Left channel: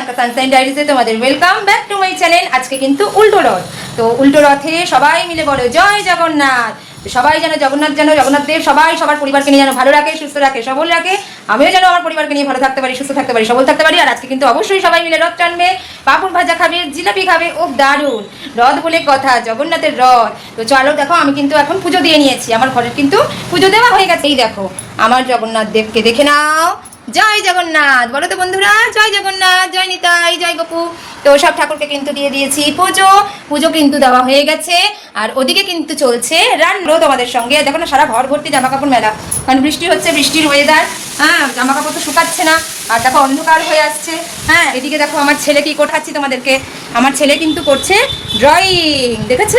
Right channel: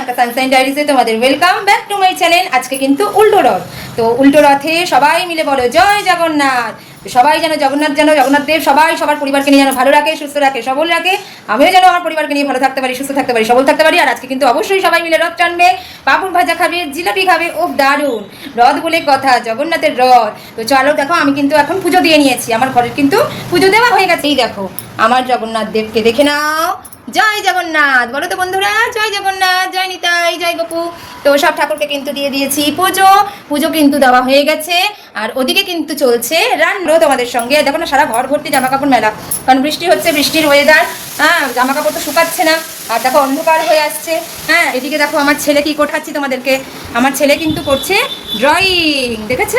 Priyanka sunshine ডায়েরিতে তোমাদের welcome back to my channel আজকে কিন্তু উল্টো রথ। তো উল্টো রথে সবাই মিলে বলো, জয় জগন্নাথ। সবাই যেন জগন্নাথ যেন, জগন্নাথ দেব সবাই সবার পরিবারকে নিয়ে যেন ভালো রাখে, সুস্থ রাখে, সবল রাখে। আমিও যেন আমার পরিবারকে নিয়ে ভালো থাকতে পারি, সুস্থ থাকতে পারি, সবল থাকতে পারি। আর আজকে কিন্তু অবশ্যই সবাই মিলে রথ টানবে। পাপড় ভাজা খাবে, জিলাপি খাবে। ও দারুণ। রথ বলে কথা, জগন্নাথের রথ। তো চলো, দেখো, আমি কিন্তু এখন পুজো দিয়ে নিয়েছি। আমার ঘরের কিন্তু পুজো দেওয়া হয়ে গেছে। এই দেখো, আমার জগন্নাথ দেবকে দেখে নাও। জয় জগন্নাথ। বলো তো বন্ধুরা, জয় জগন্নাথ, জয় নিতাই, জয় গপু। তো সব ঠাকুরকে কিন্তু দিয়ে দিয়েছি পুজো। পুজো কিন্তু দেওয়া হয়ে গেছে। আর ওদিকে কিন্তু চলছে রান্নাও তোমাদের সঙ্গে। দেখো না, সারা ঘর ভর্তি জামা কাপড় মেলা। কারণ বৃষ্টি হচ্ছে, বৃষ্টির ওয়েদার হ্যাঁ জামা কাপড় তো শুকাচ্ছে না। আর দেখো, অন্ধকার হয়ে আসছে। হ্যাঁ এদিকে দেখো, আমার ছেলে কি কোটাচ্ছি তোমাদেরকে। আমার ছেলে কিন্তু করছে ড্রয়িং দেখেছ?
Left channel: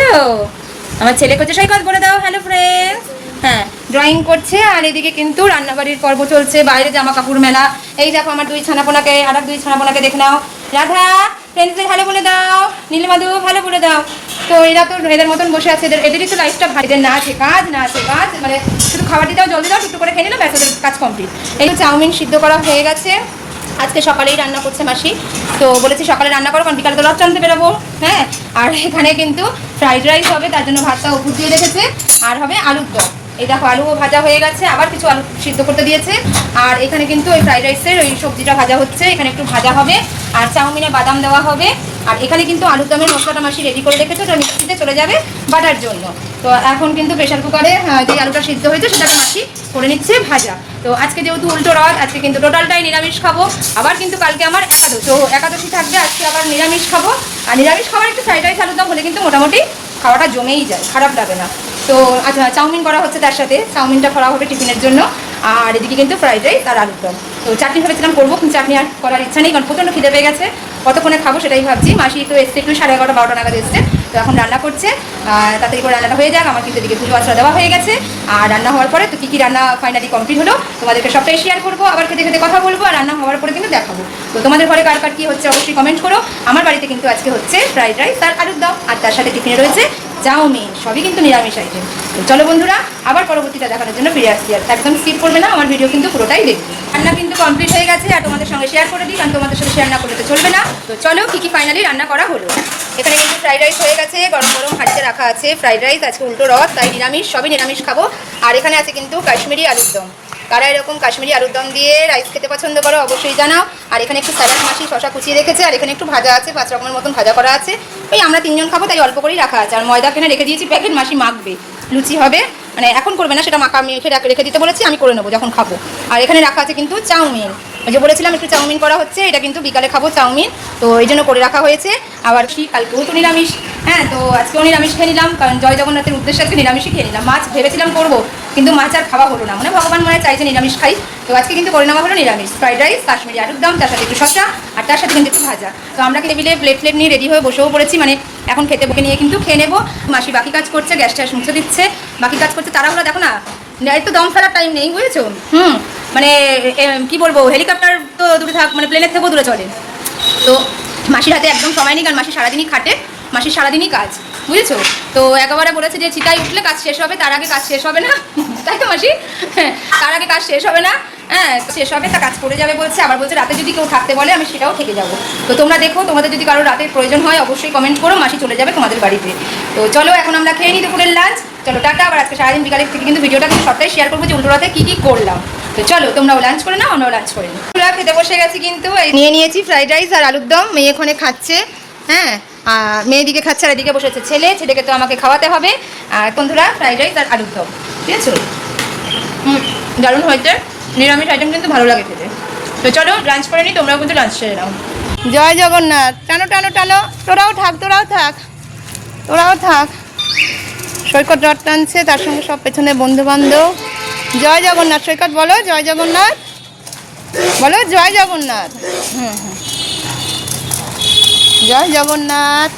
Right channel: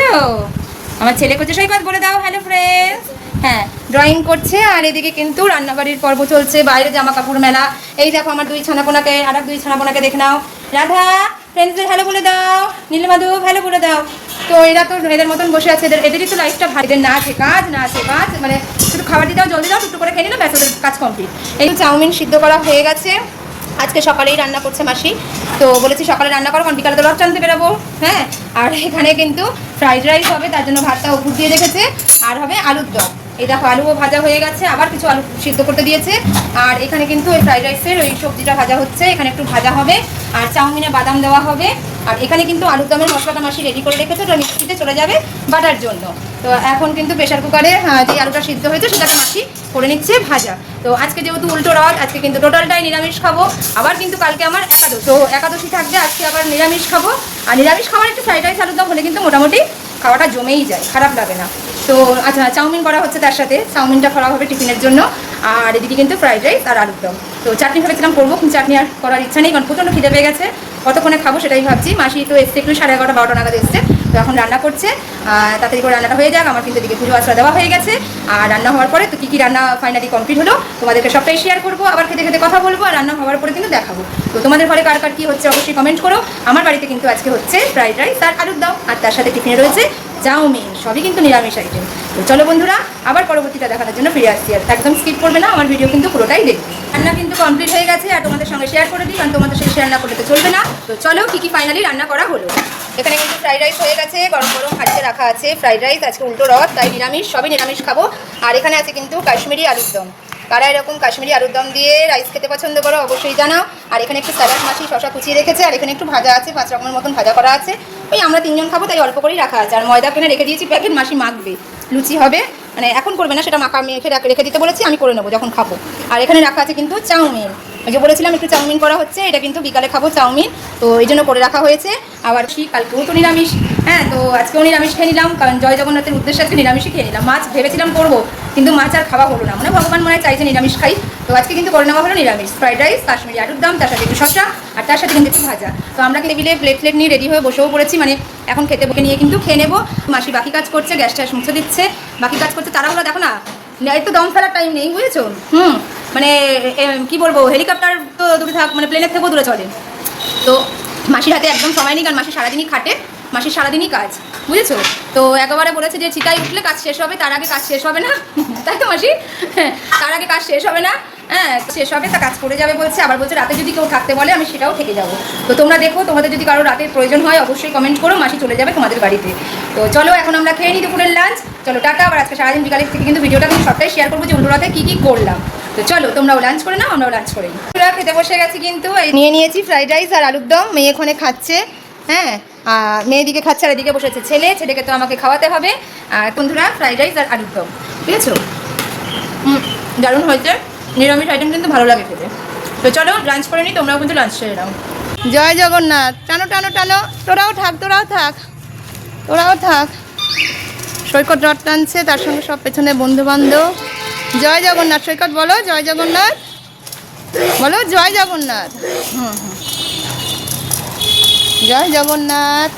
আমার ছেলে করছে, সৈকত, বলে দাও হ্যালো ফ্রেন্ডস হ্যাঁ ড্রয়িং করছে, আর এদিকে কিন্তু রান্নাবাড়ির পর্ব চলছে, বাইরে জামা কাপড় মেলা। এই দেখো আমার দুই ছানাপোনাকে, আর দুই ছানাপোনাকে দেখে নাও। রাধা ফ্রেন্ডসদের ভালো বলে দাও। নীলমাধু ভালো বলে দাও। তো এরা তো এদের মতন বসে আছে, এদের এদেরই তো লাইফটা ভাই এদের না আছে কাজ, না আছে কাজ মানে শুধু খাবার দিতে দাও জলদি দাও একটু করে খেয়ে নিলে ব্যাস, ওদের কাজ কমপ্লিট এই চাউমিন সিদ্ধ করা হয়ে গেছে। আজকে সকালেই রান্না করছে মাসি। তো বলেছি সকালে রান্না করো, কারণ বিকালে তো রথ টানতে বেরোবো। হ্যাঁ আর এখানে কিন্তু ফ্রাইড রাইস হবে, তার জন্য ভাতটা উপর দিয়ে রেখেছে। আর হবে আলুর দম। এই দেখো আলুও ভাজা হয়ে গেছে, আবার কিছু আলু সিদ্ধ করতে দিয়েছে। আর এখানে কিন্তু ওই ফ্রাইড রাইসের ওই সবজিটা ভাজা হচ্ছে, এখানে একটু ভাজা হবে। আর চাউমিনে বাদাম দেওয়া হবে। আর এখানে কিন্তু আলুর দমের মশলাটা মাসি রেডি করে রেখেছে, ওটা মিক্সিতে চলে যাবে বাটার জন্য। তো এখন কিন্তু প্রেশার কুকারে যে আলুটা সিদ্ধ হয়েছে, সেটাকে মাসি করে নিচ্ছে ভাজা। তো আজকে যেহেতু উল্টো রথ আজকে কিন্তু টোটালটাই নিরামিষ খাব। আবার কিন্তু কালকে আমার একাদশ। তো একাদশী থাকবে, আজকে আবার নিরামিষ খাব। আর নিরামিষ খাবার একটু ফ্রাইড রাইস আলুর দম হলে কিন্তু মোটামুটি খাওয়াটা জমেই যায়, খারাপ লাগে না। তো আচ্ছা চাউমিন করা হচ্ছে তার সাথে। চাউমিনটা করা হবে টিফিনের জন্য। আর এদিকে কিন্তু ফ্রাইড রাইস আর আলুর দম। তো, চাটনি ভেবেছিলাম করব, কিন্তু চাটনি আর করার ইচ্ছা নেই, কারণ প্রচণ্ড খিদে পেয়ে গেছে। কতক্ষণে খাব সেটাই ভাবছি। মাসি তো এসছে একটু সাড়ে এগারোটা, বারোটা নাগাদ এসছে। তো এখন রান্না করছে। আর তাড়াতাড়ি করে রান্নাটা হয়ে যাক। আমার কিন্তু এদিকে পুজো আচরা দেওয়া হয়ে গেছে। আর রান্না হওয়ার পরে তো কী কী রান্না ফাইনালি কমপ্লিট হলো, তোমাদেরকে সবটাই শেয়ার করব। আবার খেতে খেতে কথা বলব, আর রান্না হওয়ার পরে কিন্তু দেখাবো। তো, তোমাদের ঘরে কার কার কী হচ্ছে অবশ্যই কমেন্ট করো। আমার বাড়িতে কিন্তু আজকে হচ্ছে ফ্রাইড রাইস আর আলুর দম। আর তার সাথে টিফিনে রয়েছে চাউমিন, সবই কিন্তু নিরামিষ আইটেম চলো বন্ধুরা, আবার পরবর্তীটা দেখানোর জন্য ফিরে আসছি। আর একদম স্কিপ করবে না, আমার ভিডিও কিন্তু পুরোটাই দেখবে। রান্না কিন্তু কমপ্লিট হয়ে গেছে, আর তোমাদের সঙ্গে শেয়ার করে দিই, কারণ তোমাদের সাথে শেয়ার না করলে তো চলবে না। তো চলো, কী কী ফাইনালি রান্না করা হলো? এখানে কিন্তু ফ্রাইড রাইস হয়ে গেছে, গরম গরম হাঁড়িতে রাখা আছে। ফ্রাইড রাইস আজকে উল্টো রথ তাই নিরামিষ, সবই নিরামিষ খাব। আর এখানে আছে কিন্তু কাশ্মীরি আলুর দম। কারা এরকম কাশ্মীরি আলুর দম দিয়ে রাইস খেতে পছন্দ করো, অবশ্যই জানাও। আর এখানে একটু স্যালাড মাসি শশা কুচিয়ে রেখেছে, আর এখানে একটু ভাজা আছে, পাঁচ রকমের মতন ভাজা করা আছে। এই আমরা তিনজন খাব, তাই অল্প করেই রাখা আছে। আর ময়দা কিনে রেখে দিয়েছি, প্যাকেট মাসি মাখবে। লুচি হবে। মানে এখন করবে না, সেটা মাখা আমি রেখে দিতে বলেছি, আমি করে নেব যখন খাব। আর এখানে রাখা আছে কিন্তু চাউমিন। ওই যে বলেছিলাম, একটু চাউমিন করা হচ্ছে, এটা কিন্তু বিকালে খাব চাউমিন। তো এই জন্য করে রাখা হয়েছে। আবার কি কালকেও তো নিরামিষ। হ্যাঁ তো আজকেও নিরামিষ খেয়ে নিলাম, কারণ জয় জগন্নাথের উদ্দেশ্যে আজকে নিরামিষই খেয়ে নিলাম। মাছ ভেবেছিলাম করব কিন্তু মাছ আর খাওয়া হলো না। মানে ভগবান মনে চাইছে নিরামিষ খাই। তো আজকে কিন্তু করে নেওয়া হলো নিরামিষ। ফ্রাইড রাইস, কাশ্মীরি আলুর দাম, তার সাথে একটু শসা, আর তার সাথে কিন্তু একটু ভাজা। তো আমরা কিন্তু টেবিলে প্লেট প্লেট নিয়ে রেডি হয়ে বসেও পড়েছি। মানে এখন খেতে বুকে নিয়ে কিন্তু খেয়ে নেব। মাসি বাকি কাজ করছে গ্যাস ট্যাস মুছে দিচ্ছে। বাকি কাজ করছে তাড়াহুড়ো দেখো না একটু দম ফেলার টাইম নেই, বুঝেছ? হুম মানে কি বলব হেলিকপ্টার তো দূরে থাক মানে প্লেনের থেকেও দূরে চলে। তো মাসির হাতে একদম সময় নেই, কারণ মাসি সারাদিনই খাটে। মাসির সারাদিনই কাজ, বুঝেছ? তো একেবারে বলেছে যে চিতাই উঠলে কাজ শেষ হবে, তার আগে কাজ শেষ হবে না। তাই তো মাসি? তার আগে কাজ শেষ হবে না। হ্যাঁ শেষ হবে, তা কাজ করে যাবে বলছে। আবার বলছে, রাতে যদি কেউ থাকতে বলে, আমি সেটাও থেকে যাব। তো তোমরা দেখো, তোমাদের যদি কারও রাতের প্রয়োজন হয়, অবশ্যই কমেন্ট করো, মাসি চলে যাবে তোমাদের বাড়িতে। তো চলো, এখন আমরা খেয়ে নিই দুপুরের লাঞ্চ চলো, টাটা। আবার আজকে সারাদিন বিকালে থেকে কিন্তু ভিডিওটা কিন্তু সবটাই শেয়ার করব যে উন্ডোরাতে কী কী করলাম। তো চলো, তোমরাও লাঞ্চ করে নাও, আমরাও লাঞ্চ করে নিই। খেতে বসে গেছি কিন্তু। নিয়ে নিয়েছি ফ্রাইড রাইস আর আলুর দম। মেয়ে এখানে খাচ্ছে। হ্যাঁ? মেয়েদিকে খাচ্ছে, আর এদিকে বসেছে। ছেলে, ছেলেকে তো আমাকে খাওয়াতে হবে। আর বন্ধুরা, ফ্রাইড রাইস আর আলুর দম। ঠিক আছে? দারুণ হয়েছে। নিরামিষ আইটেম কিন্তু ভালো লাগে খেতে। তো চলো লাঞ্চ করে নিই, তোমরাও কিন্তু লাঞ্চ সেরে নাও। জয় জগন্নাথ। টানো টানো টানো। তোরাও থাক তোরাও থাক। তোরাও থাক। সৈকত রথ টানছে, তার সঙ্গে সব পেছনে বন্ধু বান্ধব জয় জগন্নাথ। সৈকত বলো, জয় জগন্নাথ। বলো, জয় জগন্নাথ। হুম হুম। জয় জগন্নাথ।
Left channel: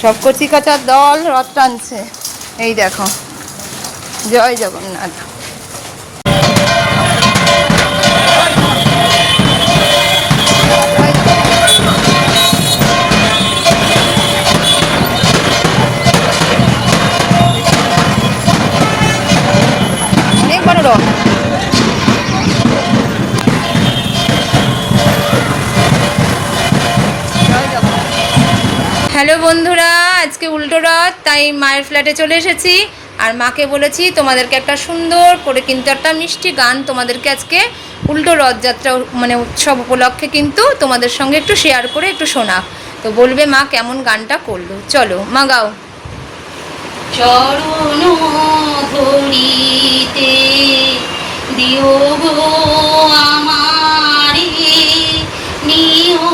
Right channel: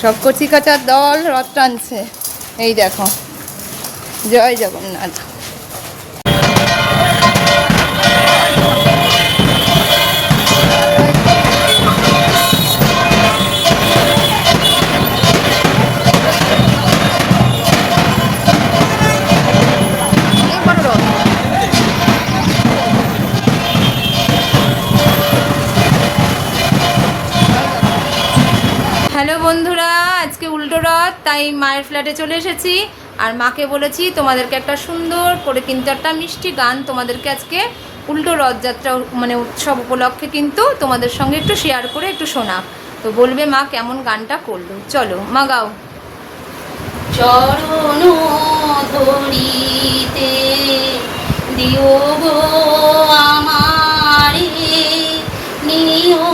সব কচি কাচার দল রথ টানছে। এই দেখো জয় জগন্নাথ। বন্ধুরা, আজকে উল্টো রথ, তাই মায়ের ফ্ল্যাটে চলে এসেছি। আর মাকে বলেছি, তোমাদেরকে একটা সুন্দর করে কিন্তু একটা মিষ্টি গান তোমাদেরকে আজকে উল্টো রথযাত্রা মানে উৎসব উপলক্ষে কিন্তু তোমাদের সঙ্গে একটু শেয়ার করে একটু শোনা। তো বলবে মা কেমন গানটা করল? চলো, মা গাও। চরণ দিও আমারে, নিও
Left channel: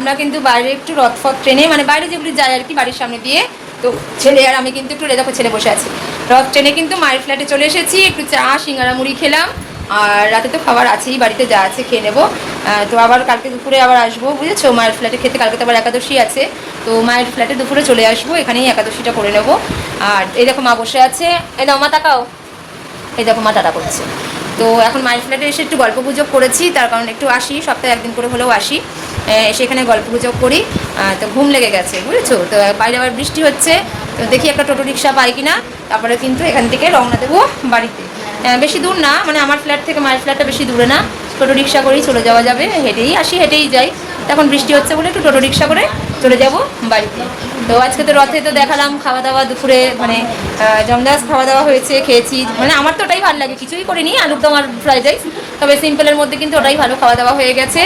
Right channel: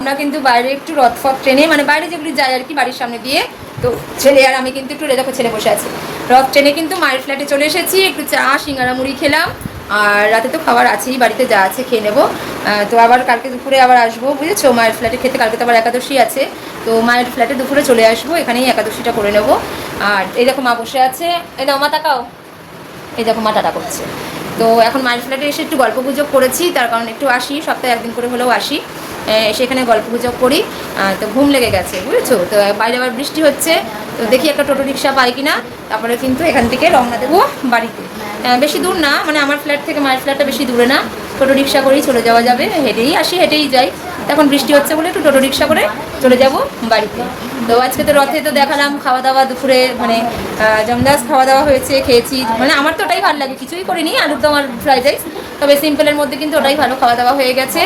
আমরা কিন্তু বাইরে একটু রথ ফথ ট্রেনে মানে বাইরে যেগুলি যায় আর কি বাড়ির সামনে দিয়ে, তো ছেলে আর আমি কিন্তু একটু রেজাকো ছেলে বসে আছি। রথ ট্রেনে কিন্তু মায়ের ফ্ল্যাটে চলে এসেছি, একটু চা, সিঙ্গারা মুড়ি খেলাম, আর রাতে তো খাবার আছেই, বাড়িতে যা আছে খেয়ে নেব। তো আবার কালকে দুপুরে আবার আসব, বুঝেছ? মায়ের ফ্ল্যাটে খেতে কালকে তো আবার একাদশী আছে, তো মায়ের ফ্ল্যাটে দুপুরে চলে আসব, এখানেই একাদশীটা করে নেব। আর এই দেখো মা বসে আছে। এই দাও মা তাকাও। এই দেখো মা টাটা করছে। তো এখন মায়ের ফ্ল্যাটে এসে একটু গল্প গুজব করেছি, তার কারণ একটু আসি, সপ্তাহে একদিন করে হলেও আসি। সেখানে গল্প গুজব করি তো ঘুম লেগে গেছে, বুঝেছ? তো বাইরে আবার বৃষ্টি হচ্ছে, তো দেখি একটা টোটো রিক্সা পাই কিনা, তারপরে কিন্তু এখান থেকে রওনা দেবো বাড়িতে। বেশি দূর না মানে আমার ফ্ল্যাট থেকে মায়ের ফ্ল্যাটটা বেশি দূরে না। টোটো রিক্সা করেই চলে যাওয়া যাবে, হেঁটেই আসি, হেঁটেই যাই। এখন বৃষ্টি হচ্ছে বলে একটু টোটো রিক্সা করে চলে যাব বাড়িতে তো আজকে তো রথে তো দেখালাম খাওয়া দাওয়া দুপুরে মানে জমদাস খাওয়া দাওয়া হয়েছে, খেয়েছি। মানে আমার তো ওটাই ভালো লাগে, কিছুই করিনি, আলুর দম আর ফ্রাইড রাইস তবে সিম্পলের মধ্যে কিন্তু ওটাই ভালো খাওয়া দাওয়া হয়ে গেছে।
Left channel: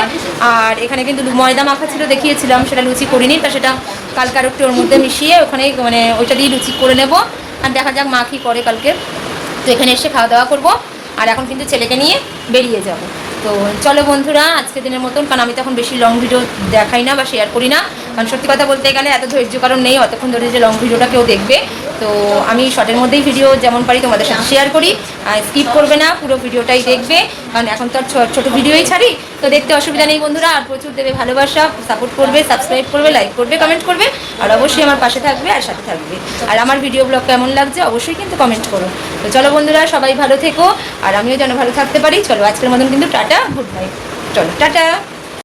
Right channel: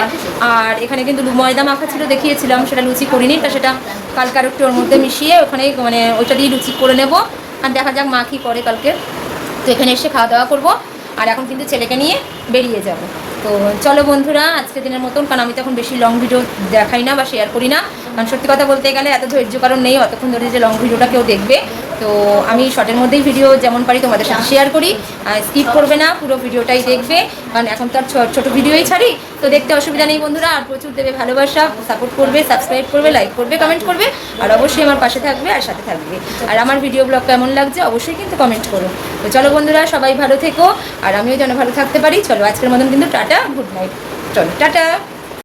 আর এখানে কিন্তু ময়দা মাখা ছিল, দেখিয়েছিলাম, সেটা লুচি করিনি, তা সেটা কালকে আর একটু ওর মধ্যে মিশিয়ে ওখানে মানে ওইটা দিয়ে লুচি করে নেব। আর দেখা যাক মা কী করে কালকে। তো এখানে এসে খাওয়া দাওয়া করব। আর এখন কিন্তু ছেলেকে নিয়ে বেরিয়ে যাব। তো চলো বন্ধুরা আজকে দিনের মতন, কারণ আমি তখন বেশি লং ভিডিও দেখাই না বা শেয়ার করি না। কারণ সত্যি কথা বলতে গেলে এত ধৈর্য কারণ নেই, অতক্ষণ ধরে যে লং ভিডিওটা কেউ দেখবে। তো আমি শর্টের মধ্যেই ভিডিও যেমন পারি তোমাদের সাথে শেয়ার করি। স্কিপ করবে না, পুরো ভিডিওটাই দেখবে, কারণ এখন তো আর ছোট ভিডিওই ছাড়ি। তো দেখতে অসুবিধা নেই বন্ধুরা, আর প্রচুর দেবে ভালোবাসা সাপোর্ট করবে সাবস্ক্রাইব করবে লাইক করবে কমেন্ট করবে, আর অবশ্যই আমার পাশে থাকবে আর সাথে থাকবে। আর আমার ভিডিও ব্লগ কেমন লাগছে অবশ্যই কিন্তু কমেন্ট করো। তো চলো বন্ধুরা, সবাই ভালো থেকো, আর আমিও যেন ভালো থাকতে পারি, চলো আজকের মতন কিন্তু টাটা গুড নাইট চলো, টাটা।